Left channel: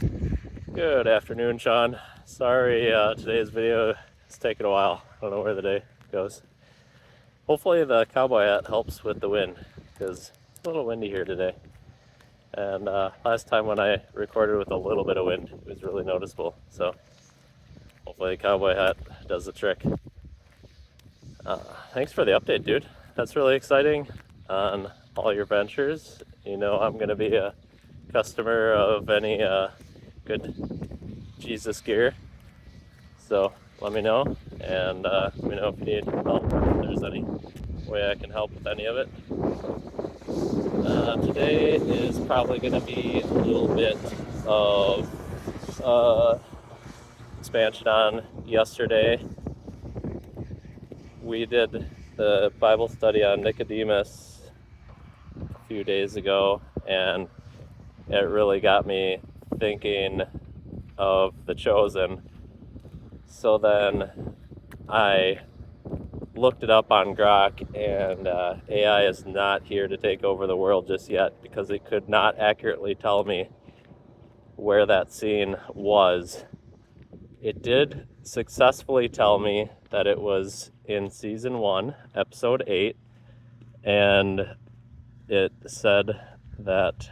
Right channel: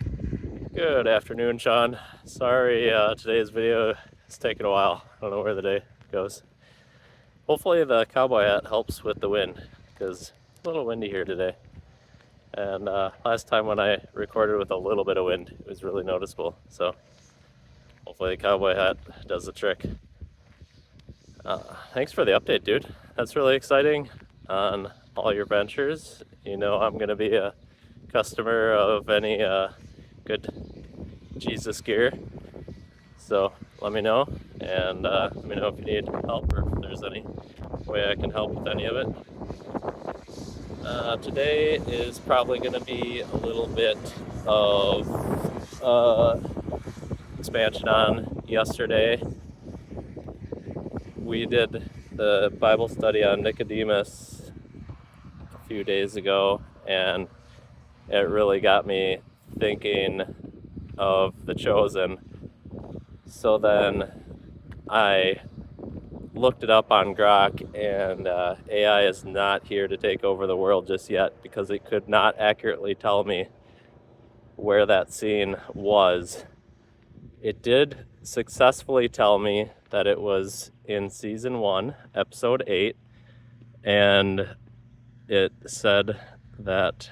Good afternoon, Sean. Sorry, today's video is taking a while. I don't know where the day goes. Hopefully the cowboy hat helps with the wind, because it's a little windy here today. And last time when I recorded with a little bit of wind, it was really noticeable. So hopefully the cowboy hat does the trick. Thanks for the update, dude. That's really exciting on all your ventures. You know I'm going to be a customer of any good Jesus gear. So let me know, and let me know if you need help or if there's any way I can help with any of it. Today is probably going to be a little bit of expansion on yesterday. We did the Bible study on Nicodemus a few days ago, and it really got me thinking of The Chosen. So then I looked it up on Grok, and AI is not here to take over the world just yet, because it could not accurately tell me where that scene was. It did successfully tell me that it was in season 1, episode 8, and it said that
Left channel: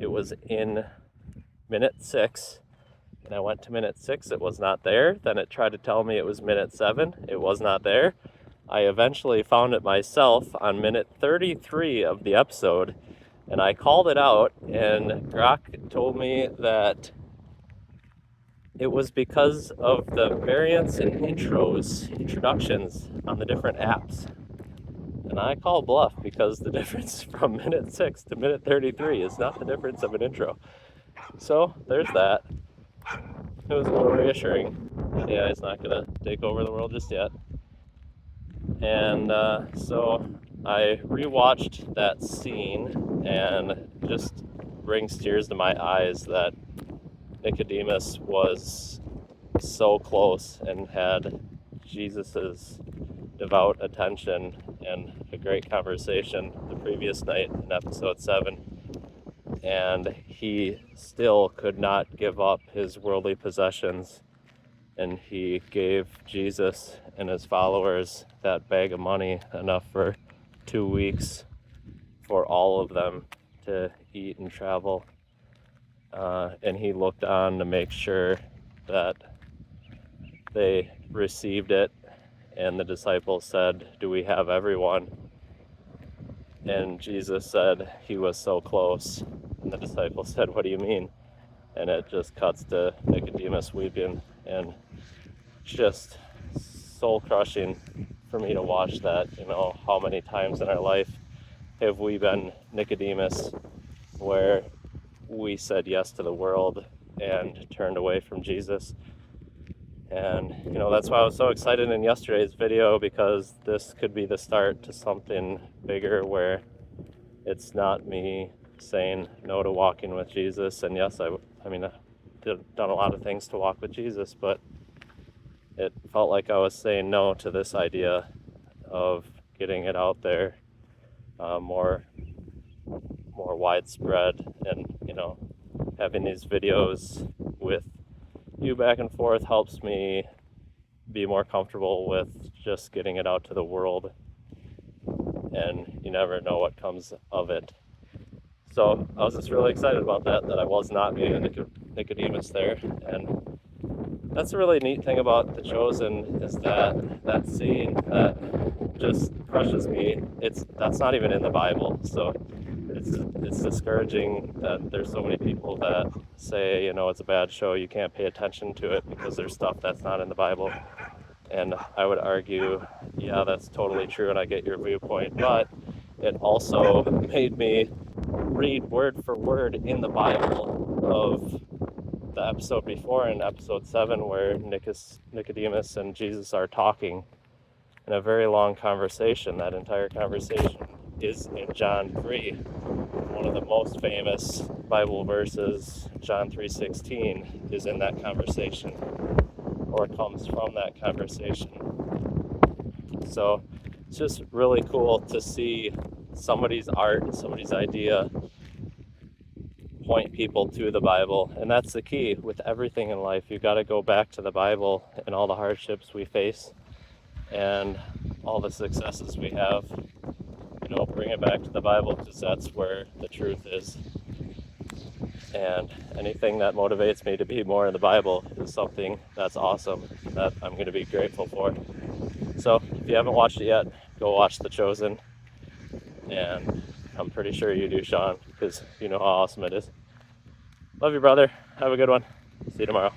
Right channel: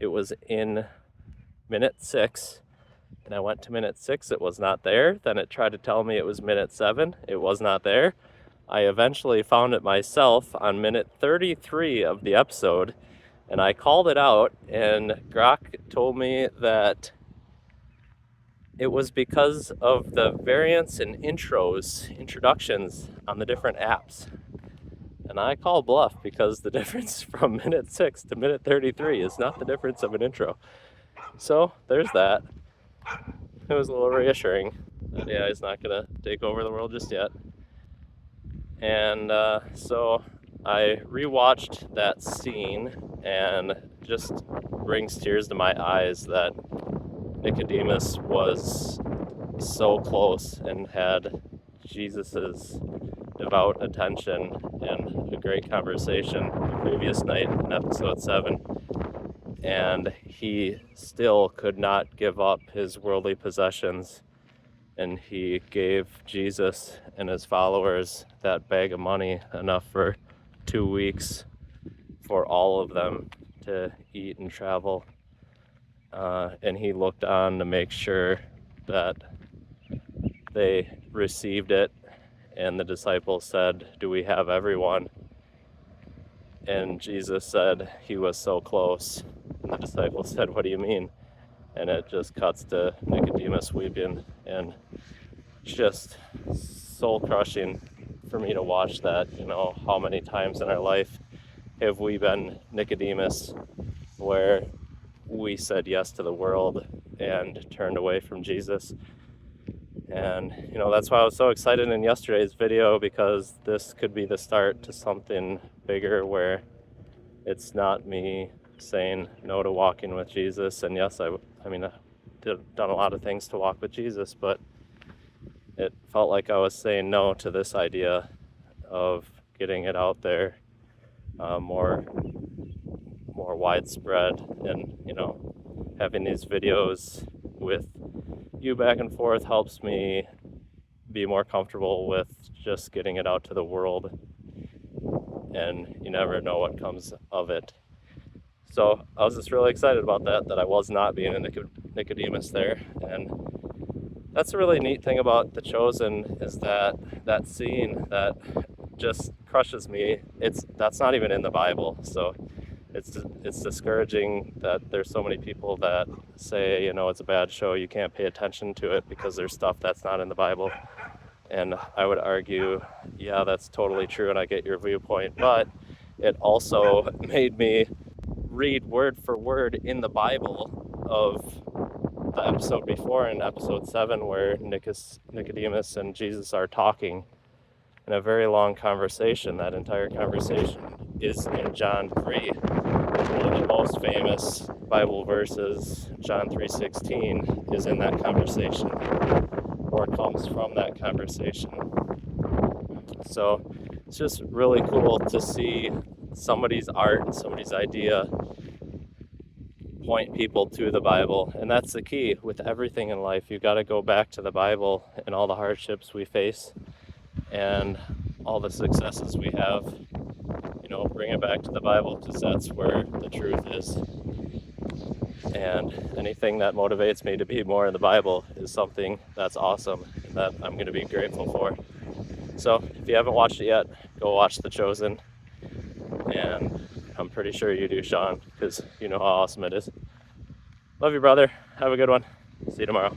it was in minute 6. And I went to minute 6, it was not there. Then it tried to tell me it was minute 7, it was not there. I eventually found it myself on minute 33 of the episode, and I called it out, and Grok told me that it was because of the variance in introductions on the different apps. And I call bluff, because the difference from minute 6 to minute 33 is not the difference of an intro. So there's that. It was a little reassuring that AI is not going to take over the world just yet. And so I rewatched that scene, and just brings tears to my eyes that Nicodemus was so close and had Jesus's devout attention and a great conversation the previous night in episode 7. And he still could not give up his worldly possessions, and he gave Jesus and his followers that bag of money, enough for 2 weeks for all of them to eat and travel. And he looked on to make sure that they received it, and the disciples said, "Do we have everyone?" And Jesus said he was so close. And the disciples said, "What do you mean?" And it just cuts to Nicodemus weeping, and it's just soul crushing for me to watch that. You know, how many times in our life have we been Nicodemus, where we said yes to the world and turned away from Jesus? And you know, that's why I was so excited in yesterday's video, because this could be the start to something bigger, where it's not me saying no to walking with Jesus. And yes, I mean, I've done a lot of things to walk with Jesus, but it felt like I was saying no to this idea of getting it out there more widespread, and you know, having these videos with you back and forth helps me be more comfortable with just getting it out to the world, and you never know what comes of it. So I was just really excited about that I was not being a Nicodemus there. And that's a really neat thing about The Chosen, is that scene that just crushes me. That's not even in the Bible. So it's discouraging that there's so many people that say, you know, it's a bad show, you can't pay attention to it because there's stuff that's not in the Bible. And I would argue, yeah, that's totally true, and I get your viewpoint, but it also made me read word for word in the Bible of the episode before, in episode 7, where Nicodemus and Jesus are talking in a very long conversation. That entire conversation is in John 3. One of the most famous Bible verses, John 3:16, is in that conversation, or comes from that conversation. So it's just really cool to see somebody's art, somebody's idea point people to the Bible. And that's the key with everything in life. You've got to go back to the Bible and all the hardships we face and all the successes we have. Bring it back to the Bible, because that's where the truth is. And anything that motivates me to be more in the Bible is something that's awesome, that I'm going to be grateful for. So if you haven't watched it yet, go watch The Chosen. And I'm pretty sure you do, Sean, because you know how awesome it is. Love you, brother. Have a good one. See you tomorrow.